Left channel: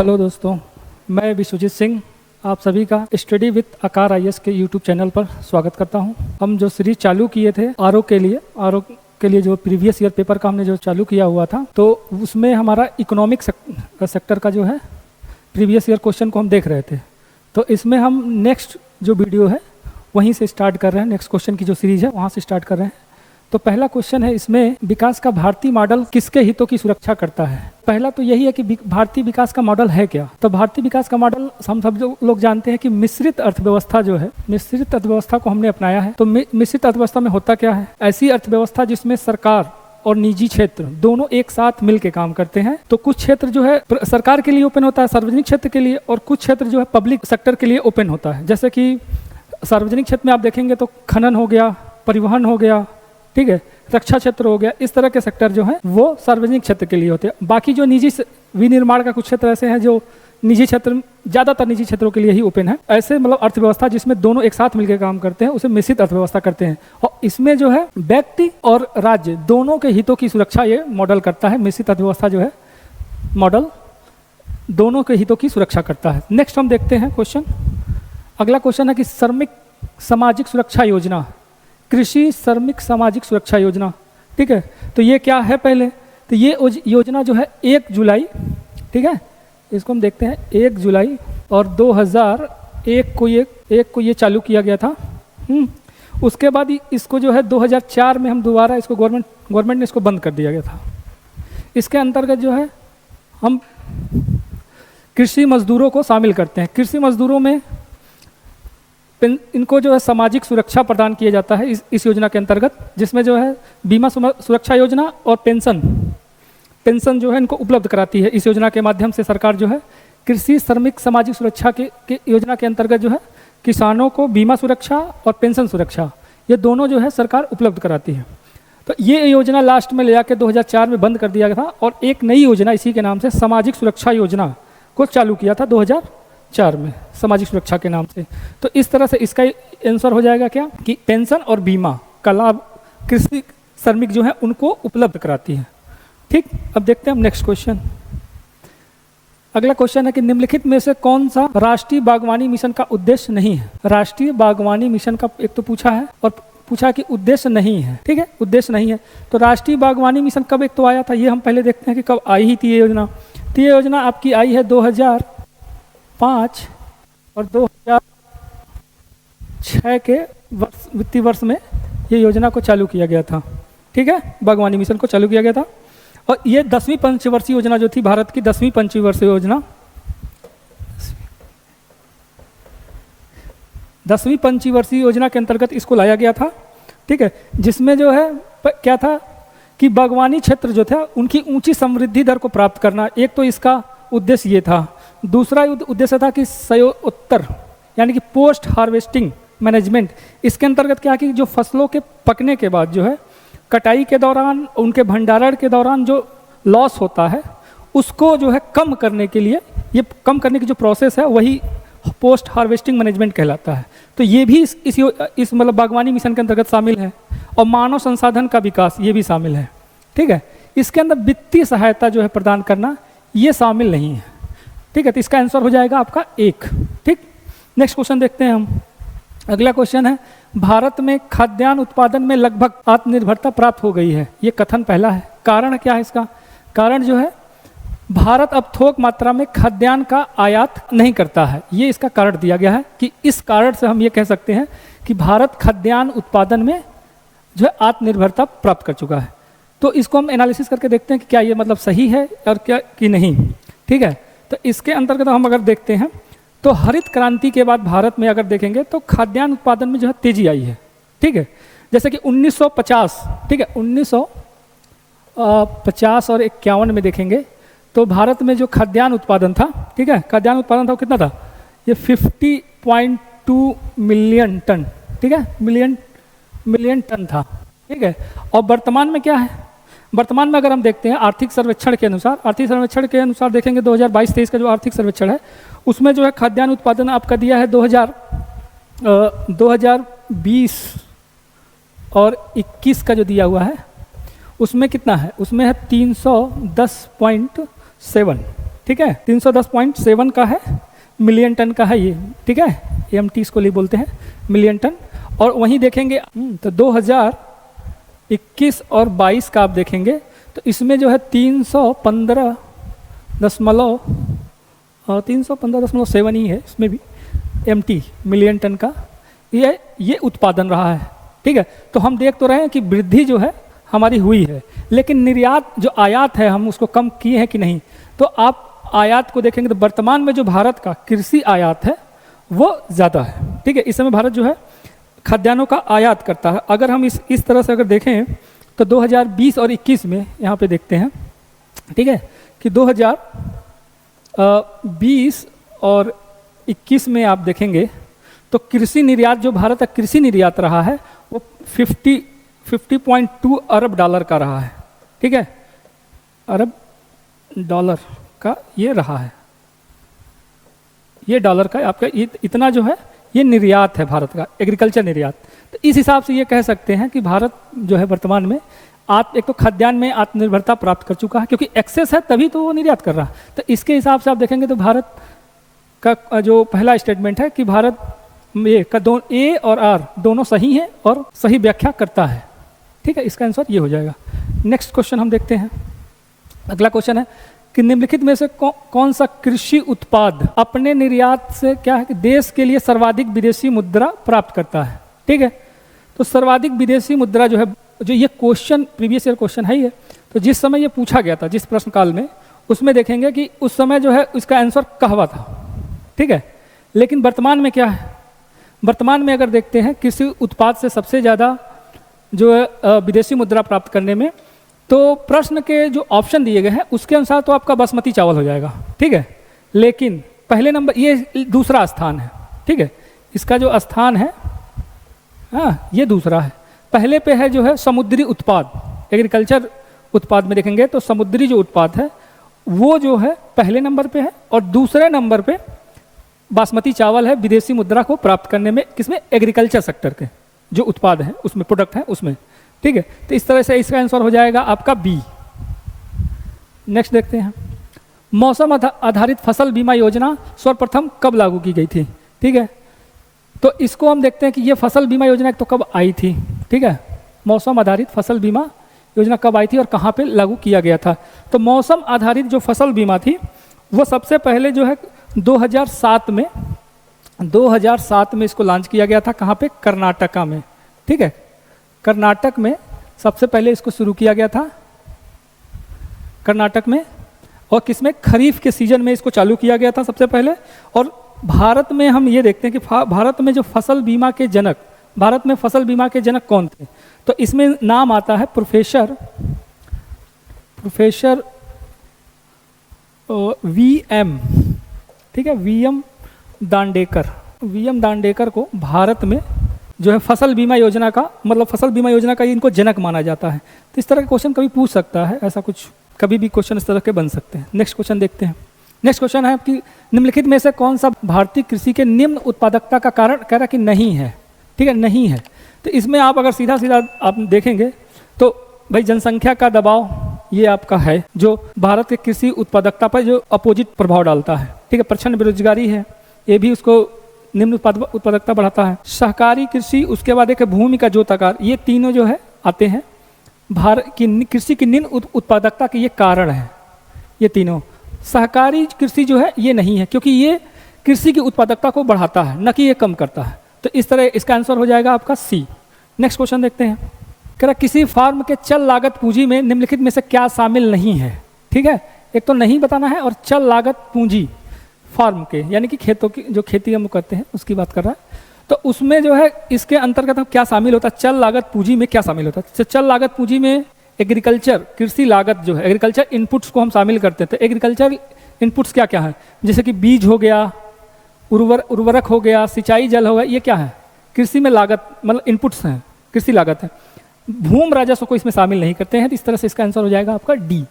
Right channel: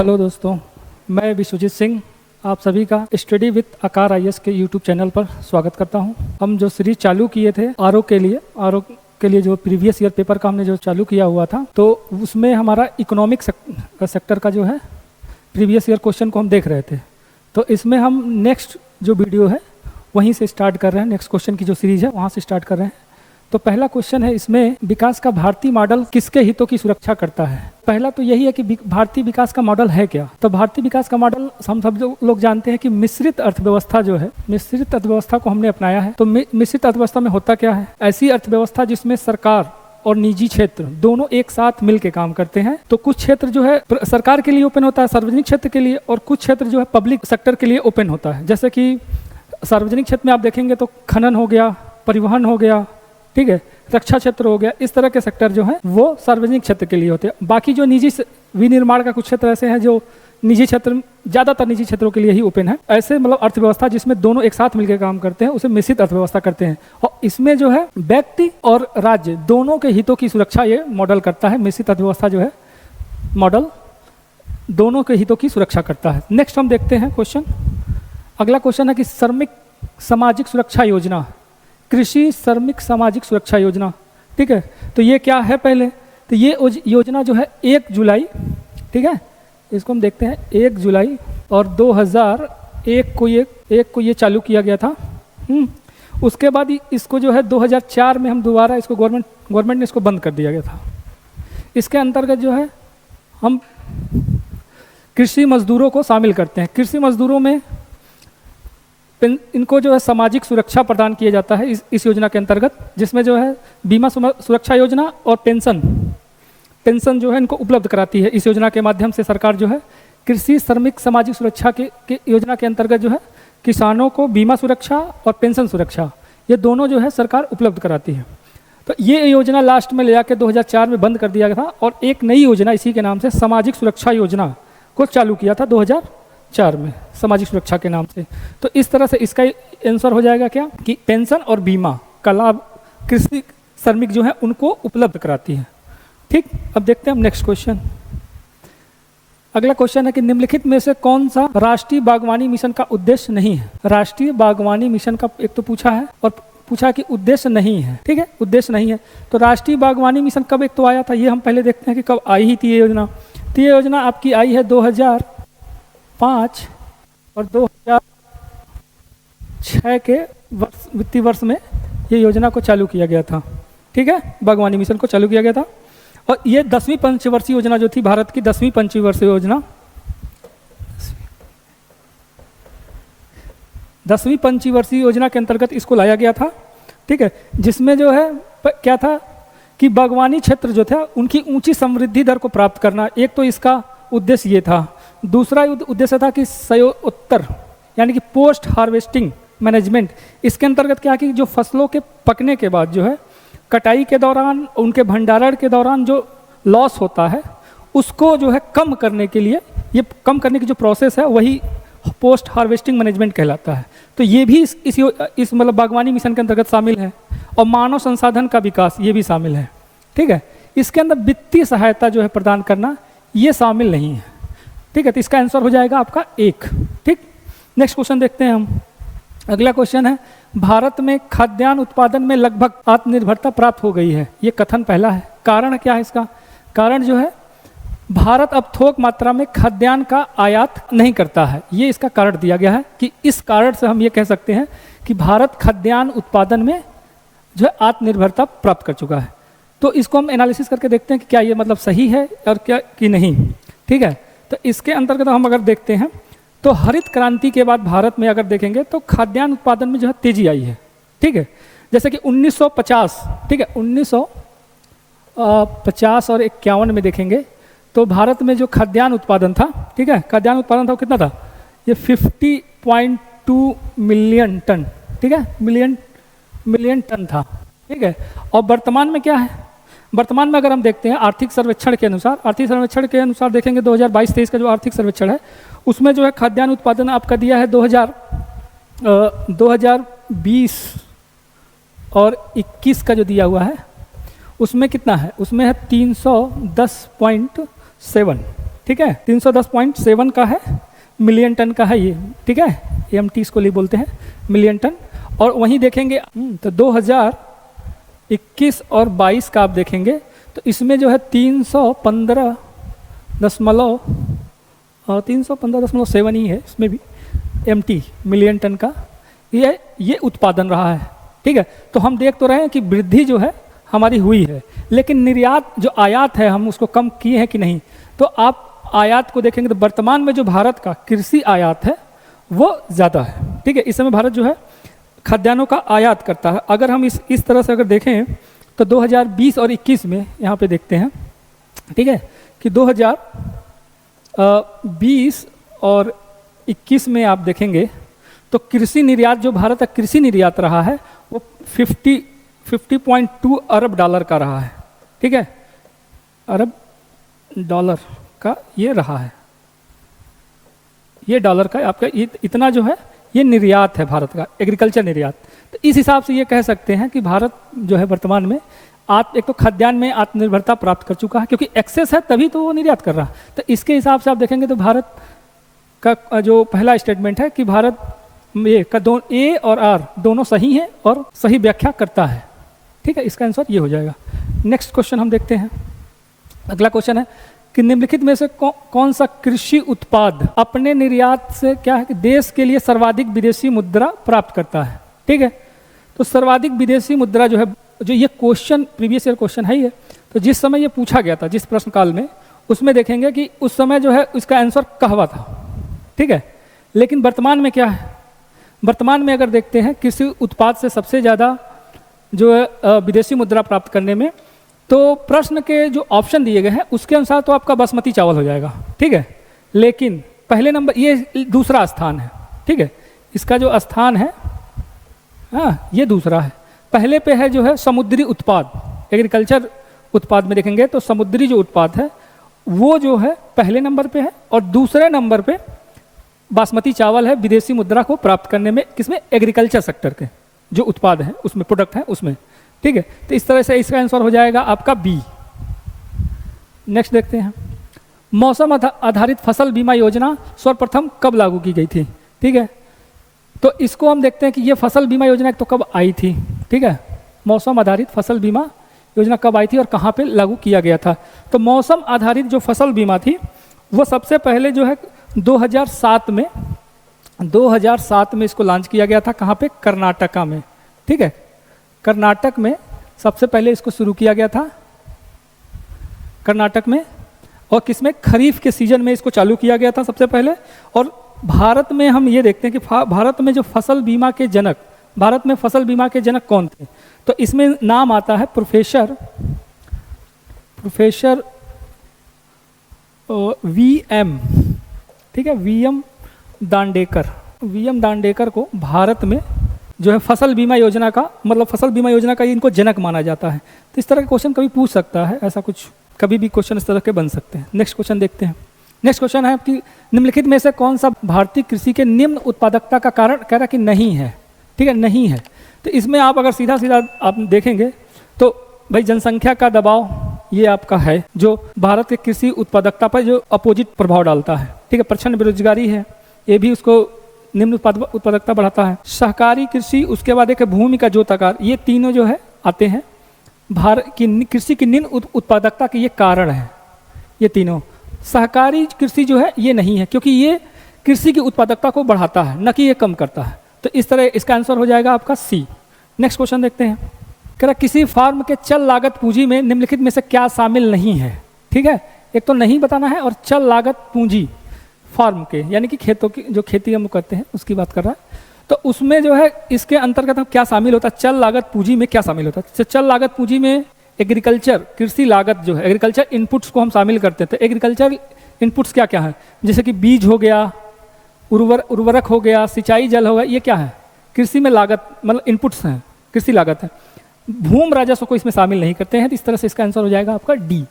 Hello दोस्तों, मैं विश्वजीत सिंह आप सभी का स्टडी विथ आकार आईएएस के यूट्यूब चैनल पर स्वागत करता हूं। हम जो सीरीज चालू किए थे आरओ के लिए जो प्रीवियस ईयर पेपर का हमने जो चालू किया हुआ था, तो उसमें हमारा इकोनॉमिक सेक्टर का जो है प्रीवियस ईयर क्वेश्चन को हम देख रहे थे। तो इसमें हम नेक्स्ट जो वीडियो है वहीं से स्टार्ट कर रहे हैं। नेक्स्ट क्वेश्चन की जो सीरीज है वहाँ से स्टार्ट कर रहे हैं। तो पहला क्वेश्चन है इसमें, विकास का भारतीय मॉडल किसके हितों की सुरक्षा करता है। पहला तो यही है कि भारतीय विकास का मॉडल है क्या। तो भारतीय विकास का मॉडल हम सब जो लोग जानते हैं कि मिश्रित अर्थव्यवस्था जो है, मिश्रित अर्थव्यवस्था को हमने अपनाया है। तो मिश्रित अर्थव्यवस्था में होता क्या है, ऐसी अर्थव्यवस्था जिसमें सरकार और निजी क्षेत्र दोनों एक साथ मिलकर काम करते हैं। तो कुछ क्षेत्र जो है सरकार के लिए ओपन होता है, सार्वजनिक क्षेत्र के लिए, और कुछ क्षेत्र जो है पब्लिक सेक्टर के लिए ओपन होता है। जैसे कि सार्वजनिक क्षेत्र में आप देखेंगे तो खनन हो गया, परिवहन हो गया, ठीक है, रक्षा क्षेत्र हो गया। इस तरह के सेक्टर जो है वो सार्वजनिक क्षेत्र के लिए होते हैं। बाकी जो निजी विनिर्माण का कुछ क्षेत्र ऐसे हैं जो निजी क्षेत्र, ज्यादातर निजी क्षेत्रों के लिए ही ओपन है। ऐसे मतलब अर्थव्यवस्था जिसमें दोनों एक साथ मिलकर काम करते हैं उसे मिश्रित अर्थव्यवस्था करते हैं। तो इसमें जो है व्यक्ति और राज्य दोनों के हितों की सुरक्षा ये मॉडल करता है। मिश्रित अर्थव्यवस्था जो है मॉडल दोनों के हितों की सुरक्षा करता है। नेक्स्ट हम देखते हैं क्वेश्चन। अगला क्वेश्चन है कि श्रमिक सामाजिक सुरक्षा योजना, कृषि श्रमिक सामाजिक सुरक्षा योजना, ठीक है। तो ये क्या है पहले, तो ये योजना जो है 1 जुलाई, ठीक है, इसको हम देखते हैं 1 जुलाई और 2001 को ये चालू किया गया था। उसके बाद इसको जो है 2004 में हम दोबारा इसको गवर्नमेंट ने इसको बंद कर दिया गया था। इसके अंतर्गत जो है हम कृषि मजदूरों को शामिल करते हैं। कृषि मजदूरों में इनको जो है सामाजिक सुरक्षा प्रदान किया जाता है इस योजना के अंतर्गत, जिसमें जो है बीमा सुरक्षा योजना और पेंशन जो है इनको उपलब्ध कराती है। इस योजना के माध्यम से सरकार जो है कृषि श्रमिक सामाजिक सुरक्षा के योजना के अंतर्गत जो है किसानों को बीमा सुरक्षा और पेंशन सुरक्षा ये दोनों जो है सरकार उपलब्ध कराती है। तो ये योजना लास्ट में ले जाकर 2004 में बंद कर दिया गया था और एक नई योजना इसी के नाम से सामाजिक सुरक्षा योजना को चालू किया था 2004 में सामाजिक सुरक्षा के नाम से। तो इस तरह से इसका आंसर हो जाएगा क्या कि पेंशन और बीमा का लाभ कृषि श्रमिक जो है उनको उपलब्ध कराती है। ठीक, अब देखते हैं हम नेक्स्ट क्वेश्चन। अगला क्वेश्चन है कि निम्नलिखित में से कौन सा राष्ट्रीय बागवानी मिशन का उद्देश्य नहीं है। राष्ट्रीय बागवानी मिशन का एक तो पूछा है और पूछा कि उद्देश्य नहीं है, ठीक है, उद्देश्य नहीं है। तो राष्ट्रीय बागवानी मिशन कब एक तो आया था, ये हम पहले देखते हैं कि कब आई ही थी ये योजना। तो ये योजना आपकी आई है 2005 और 2006 के वित्तीय वर्ष में ये योजना को चालू किया गया था, ठीक है, बागवानी मिशन को चालू किया गया था। और ये 10वीं पंचवर्षीय योजना जो थी, भारत की 10वीं पंचवर्षीय योजना, 10वीं पंचवर्षीय योजना के अंतर्गत इसको लाया गया था, ठीक है, जिसमें जो है क्या था कि बागवानी क्षेत्र जो था उनकी ऊंची समृद्धि दर को प्राप्त करना, एक तो इसका उद्देश्य ये था। दूसरा उद्देश्य था कि उत्तर यानी कि पोस्ट हार्वेस्टिंग मैनेजमेंट। इसके अंतर्गत क्या है कि जो फसलों के पकने के बाद जो है कटाई के दौरान, उनके भंडारण के दौरान जो लॉस होता है उसको जो है कम करने के लिए, ये कम करने की जो प्रोसेस है वही पोस्ट हार्वेस्टिंग मैनेजमेंट कहलाता है। तो ये भी इस मतलब बागवानी मिशन के अंतर्गत शामिल है। और मानव संसाधन का विकास ये भी शामिल है, ठीक है। इसके अंदर वित्तीय सहायता जो है प्रदान करना ये शामिल नहीं है, ठीक है। तो इसका आंसर हो जाएगा आपका 1, ठीक। नेक्स्ट क्वेश्चन देखते हैं हम। अगला क्वेश्चन है, भारत में खाद्यान्न उत्पादन में लगभग आत्मनिर्भरता प्राप्त हो गई है, ये कथन पहला है। कारण क्या है इसका, कारण जो है भारत अब थोक मात्रा में खाद्यान्न का आयात नहीं करता है, ये इसका कारण दिया गया है कि इस कारण से हम ये कह सकते हैं कि भारत खाद्यान्न उत्पादन में जो है आत्मनिर्भरता प्राप्त कर चुका है। तो इसको हम एनालिसिस करके देखते हैं कि क्या ये मतलब सही है और क्या कि नहीं, ठीक है। तो इसके अंतर्गत हम अगर देखते हैं तो हरित क्रांति के बाद भारत में अगर देखेंगे तो खाद्यान्न उत्पादन में जो है तेजी आई है, ठीक है। जैसे कि 1950, ठीक है, 1950 और 51 में देखेंगे तो भारत में जो खाद्यान्न उत्पादन था, ठीक है, खाद्यान्न उत्पादन था वो कितना था, ये 50.2 मिलियन टन, ठीक है, मिलियन टन था, ठीक है। और वर्तमान में क्या है, वर्तमान में अगर हम देखते हैं आर्थिक सर्वेक्षण के अनुसार देखेंगे 2022-23 का जो आर्थिक सर्वेक्षण है उसमें जो है खाद्यान्न उत्पादन आपका दिया है 2020 और 21 का जो दिया हुआ है उसमें कितना है, उसमें है 310.7, ठीक है, 310.7 का है, मिलियन टन का है ये, ठीक है, MT इसको लिए बोलते हैं, मिलियन टन। और वहीं देखेंगे तो 2021 और 22 का आप देखेंगे तो इसमें जो है 315.7 ही है, इसमें भी MT मिलियन टन का ये उत्पादन रहा है, ठीक है। तो हम देख तो रहे हैं कि वृद्धि जो है हमारी हुई है, लेकिन निर्यात जो आयात है हम उसको कम किए हैं कि नहीं। तो आप आयात को देखेंगे तो वर्तमान में जो भारत का कृषि आयात है वो ज़्यादा है, ठीक है। इस समय भारत जो है खाद्यान्नों का आयात करता है। अगर हम इस तरह से अगर देखें तो 2020 और 21 में यहाँ पे देखते हैं, ठीक है, कि 2020 और 21 में आप देखेंगे तो कृषि निर्यात जो भारत का कृषि निर्यात रहा है वो 50.2 अरब डॉलर का रहा है, ठीक है, अरब डॉलर का ये रहा है, ये डॉलर का आपका इतना जो है ये निर्यात है भारत का, एग्रीकल्चर निर्यात। तो इस हिसाब से ये कह सकते हैं कि भारत जो है वर्तमान में एक तो खाद्यान्न में आत्मनिर्भरता प्राप्त कर चुका है, क्योंकि एक्सेस है तभी तो वो निर्यात कर रहा है। तो इसके हिसाब से आप देखेंगे तो भारत का जो पहला स्टेटमेंट है कि भारत में का A और R दोनों सही है और सही व्याख्या करता है, ठीक है। इसका आंसर ये हो जाएगा। नेक्स्ट क्वेश्चन हम देखते हैं। अगला क्वेश्चन है कि निम्नलिखित में से कौन सा कृषि उत्पाद अपने निर्यात से क्या है कि देश के लिए सर्वाधिक विदेशी मुद्रा प्राप्त करता है, ठीक है। तो सर्वाधिक विदेशी मुद्रा जो है, जो ये क्वेश्चन प्रीवियस ईयर क्वेश्चन ही है, तो जिस समय ये पूछा गया था जिस प्रश्न काल में, उसमें देखेंगे कि उस समय जो है उसका आंसर कहवा था, ठीक है। लेकिन वर्तमान में क्या है, वर्तमान में अगर देखते हैं कृषि उत्पाद से सबसे ज़्यादा जो है विदेशी मुद्रा प्राप्त करने में, तो प्रश्न के जो ऑप्शन दिए गए हैं उसके अनुसार तो आपका बासमती चावल हो जाएगा, ठीक है। लेकिन पहले नंबर ये दूसरा स्थान है, ठीक है, इसका जो स्थान है हाँ ये दूसरा है। पहले पे है जो है समुद्री उत्पाद, एग्रीकल्चर उत्पाद में देखेंगे तो समुद्री जो उत्पाद है वो जो है पहले नंबर पे है, और दूसरे नंबर पे बासमती चावल है विदेशी मुद्रा को प्राप्त करने में, किसमें, एग्रीकल्चर सेक्टर के जो उत्पाद हैं उसमें, प्रोडक्ट हैं उसमें, ठीक है। तो इस तरह से इसका आंसर हो जाएगा आपका B। नेक्स्ट देखते हैं, मौसम आधारित फसल बीमा योजना सर्वप्रथम कब लागू की गई थी, ठीक है। तो इसको हम देखते हैं कि ये फसल बीमा योजना तो कब आई थी, ठीक है, मौसम आधारित फसल बीमा योजना कब आई थी और कहाँ पे लागू किया गया था। तो मौसम आधारित जो फसल बीमा थी वो सबसे पहले जो है 2007 में इसको लॉन्च किया गया था, कहाँ पे, कर्नाटका में, ठीक है। कर्नाटक में सबसे पहले इसको शुरू किया गया था, कर्नाटक में, और किसमें, खरीफ के सीजन में इसको चालू किया गया था सबसे पहले। और भारत में हम ये देखते हैं कि भारत में जो फसल बीमा के जनक, भारत में फसल बीमा के जनक कौन थे, तो इसमें नाम आता है प्रोफेसर VM, ठीक है, VM दांडेकर को भारत में जो है फसल बीमा योजना का, मतलब फसल बीमा योजना का इनको जनक माना जाता है। तो इस तरह का क्वेश्चन कभी पूछ सकता है, ऐसा कुछ कभी भी क्वेश्चन इस तरह के बन सकते हैं। नेक्स्ट क्वेश्चन देखते हैं। नेक्स्ट क्वेश्चन है कि निम्नलिखित में से कौन सा भारतीय कृषि के निम्न उत्पादकता का कारण, कह रहा कि नहीं है, ठीक है, नहीं है। तो इसमें आप अगर सीधा आप देखेंगे तो भाई जनसंख्या का दबाव ये आपका है जो भारत के कृषि उत्पादकता पर जो अपोजिट प्रभाव डालता है, ठीक है। प्रचंड बेरोजगारी है, ये भी उसको निम्न उत्पादकता बढ़ाता है। सहकारी कृषि, उसके बाद एक भूमि का जोताकार, ये तीनों जो है आते हैं भारत की कृषि की निम्न उत्पादकता के ये कारण है, ये तीनों। सहकारी कृषि जो है ये नहीं है, क्योंकि ये कृषि की उत्पादकता को बढ़ाता है, न कि ये कम करता है। तो इस तरह इसका आंसर हो जाएगा आपका C। नेक्स्ट क्वेश्चन देखते हैं, कह रहा किसी फार्म के चल लागत पूंजी में निम्नलिखित में से क्या शामिल नहीं है, ठीक है। एक तो नहीं बताना है, और चल लागत पूंजी फार्म के यानी कि खेतों की जो खेती हम करते हैं उसकी बात कर रहा है। तो उसमें जो है इसके अंतर्गत क्या शामिल होता है, चल लागत पूंजी में क्या शामिल होता है। चल लागत पूंजी में एग्रीकल्चर कृषि लागत जो है, एग्रीकल्चर इनपुट्स को हम शामिल करते हैं। तो एग्रीकल्चर इनपुट्स क्या क्या है, जैसे कि बीज हो गया, उर्वरक हो गया, सिंचाई जल हो गया, ये क्या है, कृषि में लागत, मतलब इनपुट्स हैं, कृषि लागत है। भूमि राजस्व को इसमें शामिल नहीं करते हैं। इस तरह से इसका आंसर हो जाएगा आपका D।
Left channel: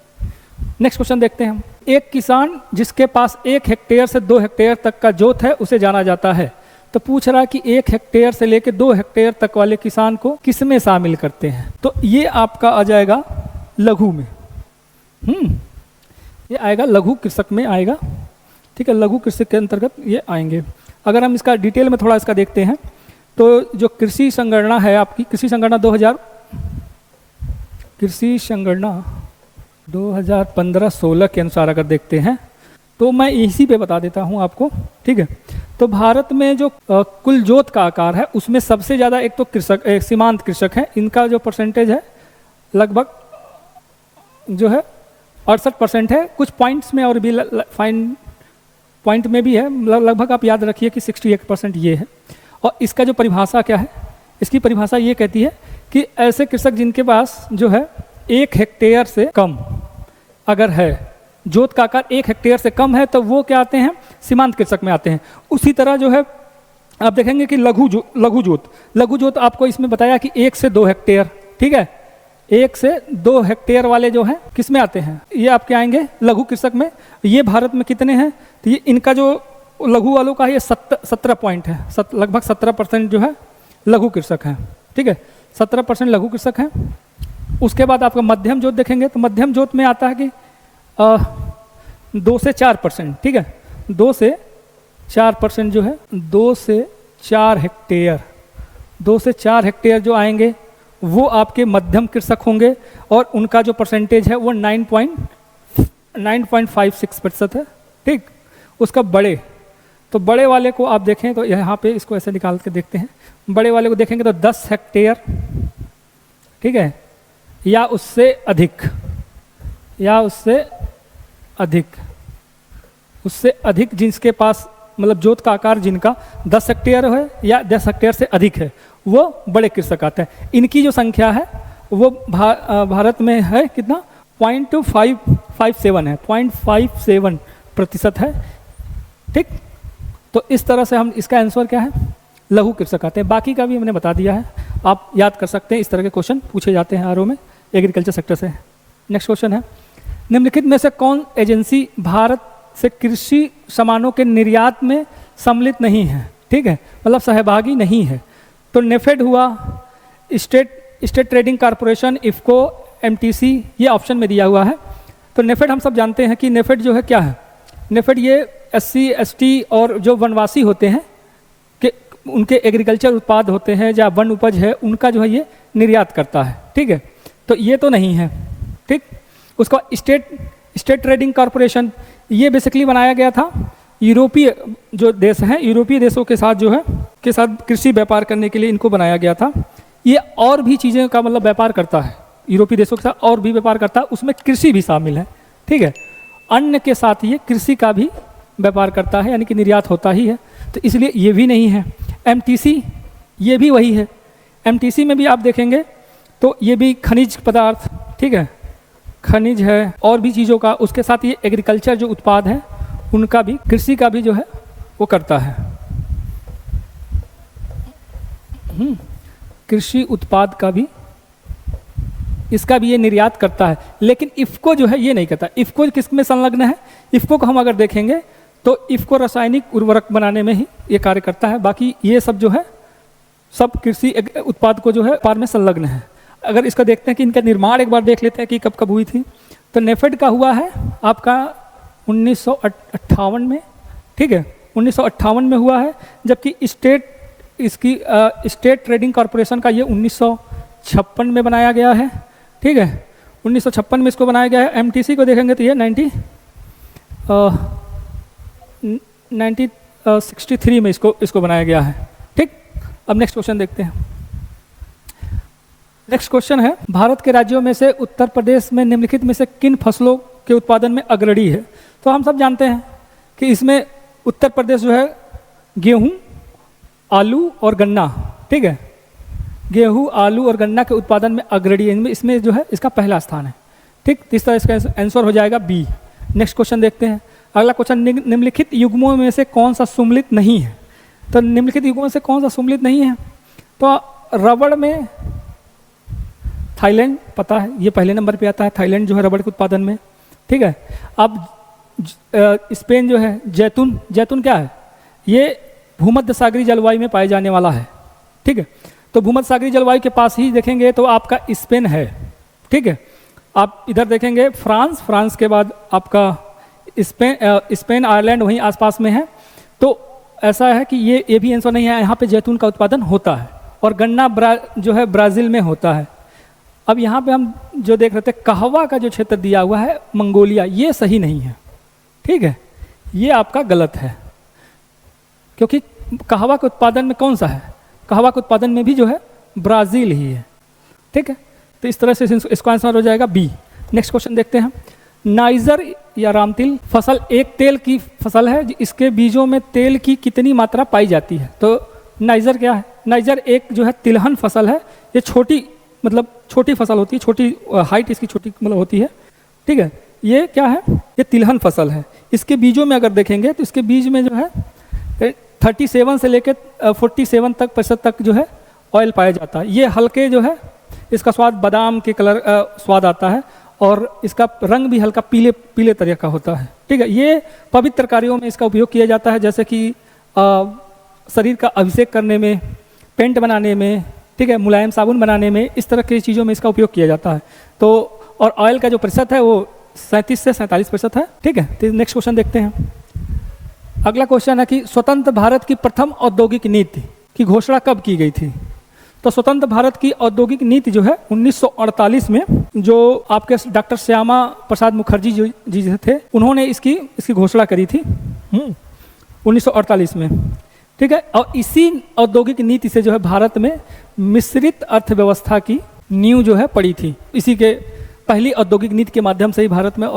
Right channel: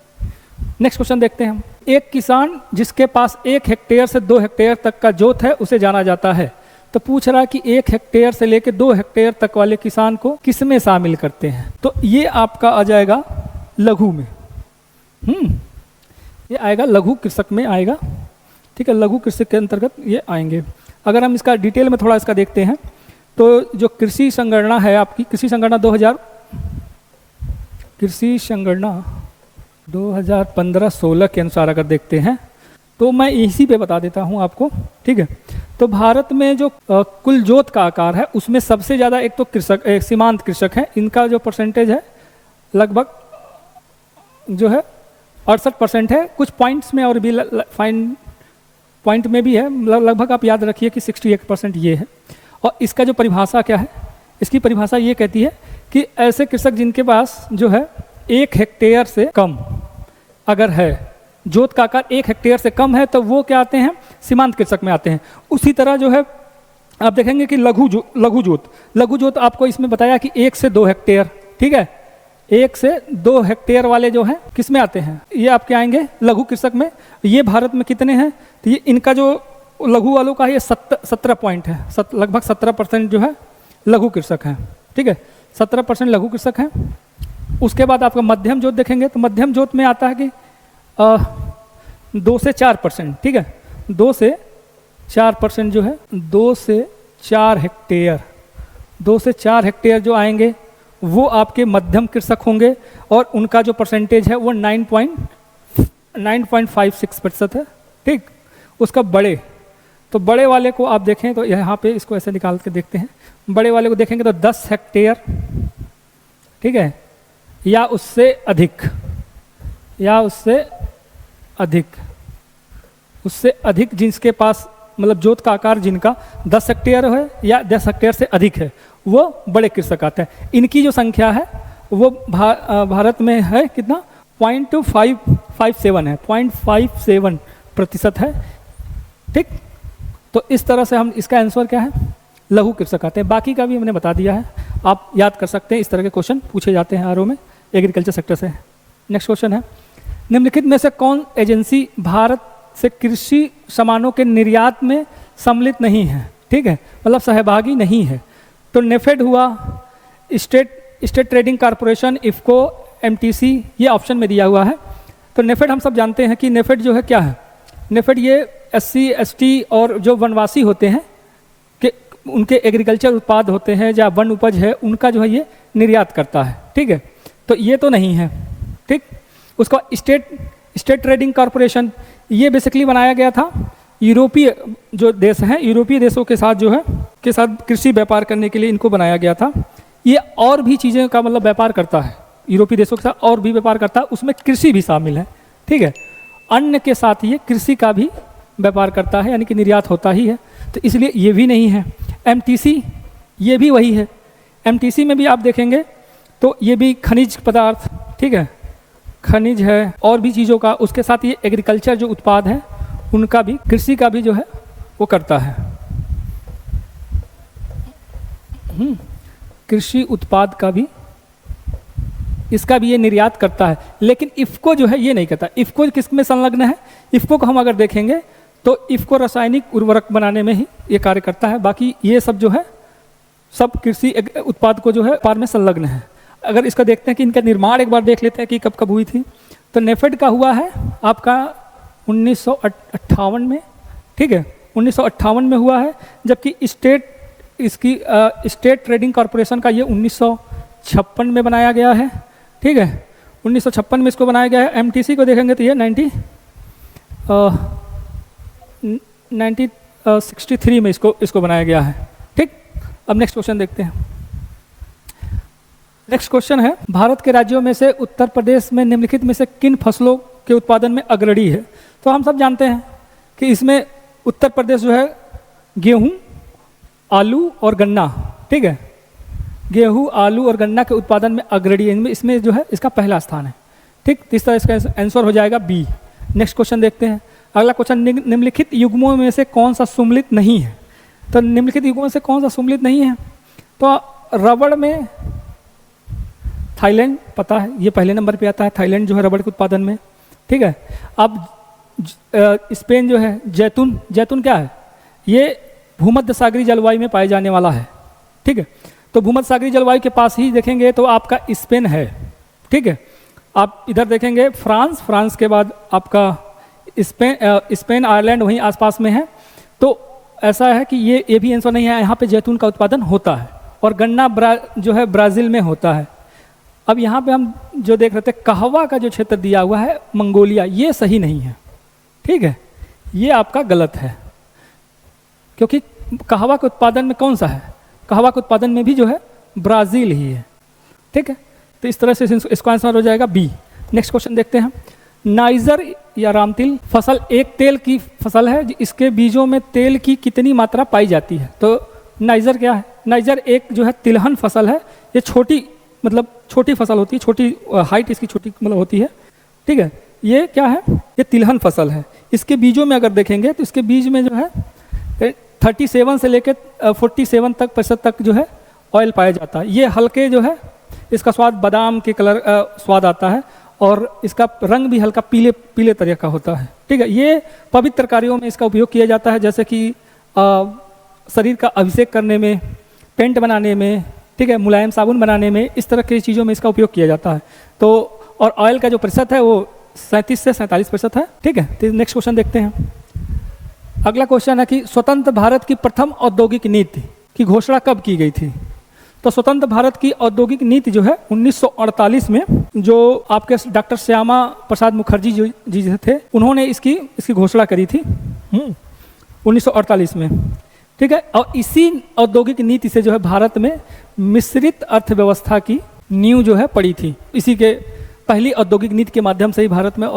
नेक्स्ट क्वेश्चन देखते हैं हम, एक किसान जिसके पास 1 हेक्टेयर से 2 हेक्टेयर तक का जोत है उसे जाना जाता है। तो पूछ रहा है कि 1 हेक्टेयर से लेकर 2 हेक्टेयर तक वाले किसान को किसमें शामिल करते हैं। तो ये आपका आ जाएगा लघु में। ये आएगा लघु कृषक में आएगा, ठीक है, लघु कृषक के अंतर्गत ये आएंगे। अगर हम इसका डिटेल में थोड़ा इसका देखते हैं तो जो कृषि संगणना है आपकी, कृषि संगणना 2015-16 के अनुसार अगर देखते हैं तो मैं इसी पे बता देता हूँ आपको, ठीक है। तो भारत में जो कुल जोत का आकार है उसमें सबसे ज़्यादा एक तो कृषक सीमांत कृषक है, इनका जो परसेंटेज है लगभग जो है 68% है। कुछ पॉइंट्स में और भी फाइन पॉइंट में भी है, लगभग आप याद रखिए कि 68% ये है। और इसका जो परिभाषा क्या है, इसकी परिभाषा ये कहती है कि ऐसे कृषक जिनके पास जो है 1 हेक्टेयर से कम अगर है, जोत का आकार 1 हेक्टेयर से कम है, तो वो क्या आते हैं, सीमांत कृषक में आते हैं। उसी तरह जो है आप देखेंगे कि लघु जोत आपको इसमें बताया कि 1 से 2 हेक्टेयर, ठीक है, 1 से 2 हेक्टेयर वाले जो हैं किस में आते हैं, ये आपके आएंगे लघु कृषक में। ये भारत में कितने हैं, तो ये इनका जो लघु वालों का ये 17 पॉइंट है, लगभग 17% जो है लघु कृषक हैं, ठीक है, 17% लघु कृषक हैं। उसके बाद आपका मध्यम जोत देखेंगे तो मध्यम जोत में आता है कि 2 से 4%, ठीक है, 2 से 4% जो है 2 से 4 हेक्टेयर, 2 से 4 हेक्टेयर जो आएंगे वो आपके मध्यम कृषक होंगे और उनका जो परसेंटेज है वो 9.56% है, ठीक। उसका बड़े, तो बड़े वाले को आप देखें तो यहाँ पे इसको ऐसे निकाल के देखते हैं, बड़े वाले को देखेंगे तो 10 हेक्टेयर, ठीक है, या उससे अधिक, उससे अधिक जिसके पास मतलब जोत का आकार जिनका 10 हेक्टेयर है या 10 हेक्टेयर से अधिक है वो बड़े कृषक आता है। इनकी जो संख्या है वो भारत में है कितना, 0.557 है, 0.57% है, ठीक। तो इस तरह से हम इसका आंसर क्या है, लघु कृषक आते हैं। बाकी का भी हमने बता दिया है, आप याद कर सकते हैं, इस तरह के क्वेश्चन पूछे जाते हैं आरओ में एग्रीकल्चर सेक्टर से। नेक्स्ट क्वेश्चन है, निम्नलिखित में से कौन एजेंसी भारत से कृषि सामानों के निर्यात में सम्मिलित नहीं है, ठीक है, मतलब सहभागी नहीं है। तो नेफेड हुआ, state trading corporation, IFFCO, MTC, ये ऑप्शन में दिया हुआ है। तो नेफेड हम सब जानते हैं कि नेफेड जो है क्या है, नेफेड ये SC ST और जो वनवासी होते हैं कि उनके एग्रीकल्चर उत्पाद होते हैं या वन उपज है उनका जो है ये निर्यात करता है, ठीक है। तो ये तो नहीं है, ठीक। उसका स्टेट ट्रेडिंग कॉर्पोरेशन ये बेसिकली बनाया गया था यूरोपीय जो देश हैं, यूरोपीय देशों के साथ जो है के साथ कृषि व्यापार करने के लिए इनको बनाया गया था। ये और भी चीज़ें का मतलब व्यापार करता है, यूरोपीय देशों के साथ और भी व्यापार करता है, उसमें कृषि भी शामिल है, ठीक है। अन्न के साथ ये कृषि का भी व्यापार करता है, यानी कि निर्यात होता ही है, तो इसलिए ये भी नहीं है। एमटीसी ये भी वही है, एमटीसी में भी आप देखेंगे तो ये भी खनिज पदार्थ, ठीक है, खनिज है और भी चीज़ों का, उसके साथ ये एग्रीकल्चर जो उत्पाद हैं उनका भी, कृषि का भी जो है वो करता है, कृषि उत्पाद का भी, इसका भी ये निर्यात करता है। लेकिन इफको जो है ये नहीं करता। इफको किस में संलग्न है, इफको को हम अगर देखेंगे तो इफको रासायनिक उर्वरक बनाने में ही ये कार्य करता है, बाकी ये सब जो है सब कृषि उत्पाद को जो है व्यापार में संलग्न है। अगर इसका देखते हैं कि इनका निर्माण एक बार देख लेते हैं कि कब कब हुई थी, तो नेफेड का हुआ है आपका 1958 में, ठीक है, 1958 में हुआ है, जबकि स्टेट ट्रेडिंग कॉर्पोरेशन का ये 1956 में बनाया गया है, ठीक है, 1956 में इसको बनाया गया है। एमटीसी को देखेंगे तो ये 1963 में इसको बनाया गया है, ठीक। अब नेक्स्ट क्वेश्चन देखते हैं। नेक्स्ट क्वेश्चन है, भारत के राज्यों में से उत्तर प्रदेश में निम्नलिखित में से किन फसलों के उत्पादन में अग्रणी है। तो हम सब जानते हैं कि इसमें उत्तर प्रदेश जो है गेहूं, आलू और गन्ना, ठीक है, गेहूं, आलू और गन्ना के उत्पादन में अग्रणी है, इसमें जो है इसका पहला स्थान है, ठीक। तो इस तरह इसका आंसर हो जाएगा बी। नेक्स्ट क्वेश्चन देखते हैं। अगला क्वेश्चन, निम्नलिखित युग्मों में से कौन सा सम्मिलित नहीं है। तो निम्नलिखित युग्मों में से कौन सा सम्मिलित नहीं है, तो रबड़ में थाईलैंड पता है, ये पहले नंबर पे आता है, थाईलैंड जो है रबड़ के उत्पादन में, ठीक है। अब स्पेन जो है जैतून क्या है, ये भूमध्य सागरीय जलवायु में पाए जाने वाला है, ठीक है। तो भूमध्य सागरीय जलवायु के पास ही देखेंगे तो आपका स्पेन है, ठीक है। आप इधर देखेंगे फ्रांस के बाद आपका स्पेन आयरलैंड वहीं आसपास में है। तो ऐसा है कि ये भी आंसर नहीं है, यहाँ पे जैतून का उत्पादन होता है और गन्ना जो है ब्राजील में होता है। अब यहाँ पे हम जो देख रहे थे कहवा का जो क्षेत्र दिया हुआ है मंगोलिया, ये सही नहीं है, ठीक है, ये आपका गलत है, क्योंकि कहवा के उत्पादन में कौन सा है, कहवा के उत्पादन में भी जो है ब्राजील ही है, ठीक है। तो इस तरह से इसका आंसर हो जाएगा बी। नेक्स्ट क्वेश्चन देखते हैं। नाइजर या रामतिल फसल एक तेल की फसल है, इसके बीजों में तेल की कितनी मात्रा पाई जाती है? तो नाइजर क्या है? नाइजर एक जो है तिलहन फसल है, ये छोटी फसल होती है, छोटी हाइट इसकी छोटी होती है, ठीक है। ये क्या है? ये तिलहन फसल है। इसके बीजों में अगर देखेंगे तो इसके बीज में जो है 37 से लेकर 47 तक जो है ऑयल पाया जाता है। ये हल्के जो है इसका स्वाद बादाम के कलर स्वाद आता है और इसका रंग भी हल्का पीले तरह का होता है, ठीक है। ये पवित्र कार्यों में इसका उपयोग किया जाता है, जैसे कि शरीर का अभिषेक करने में, पेंट बनाने में, ठीक है, मुलायम साबुन बनाने में, इस तरह की चीज़ों में इसका उपयोग किया जाता है। तो और ऑयल का जो प्रतिशत है वो 37 से 47% है, ठीक है। तो नेक्स्ट क्वेश्चन देखते हैं। अगला क्वेश्चन है कि स्वतंत्र भारत की प्रथम औद्योगिक नीति की घोषणा कब की गई थी? तो स्वतंत्र भारत की औद्योगिक नीति जो है 1948 में, जो आपके डॉक्टर श्यामा प्रसाद मुखर्जी जी थे, उन्होंने इसकी घोषणा करी थी 1948 में, ठीक है। और इसी औद्योगिक नीति से जो है भारत में मिश्रित अर्थव्यवस्था की नींव जो है पड़ी थी। इसी के पहली औद्योगिक नीति के माध्यम से ही भारत में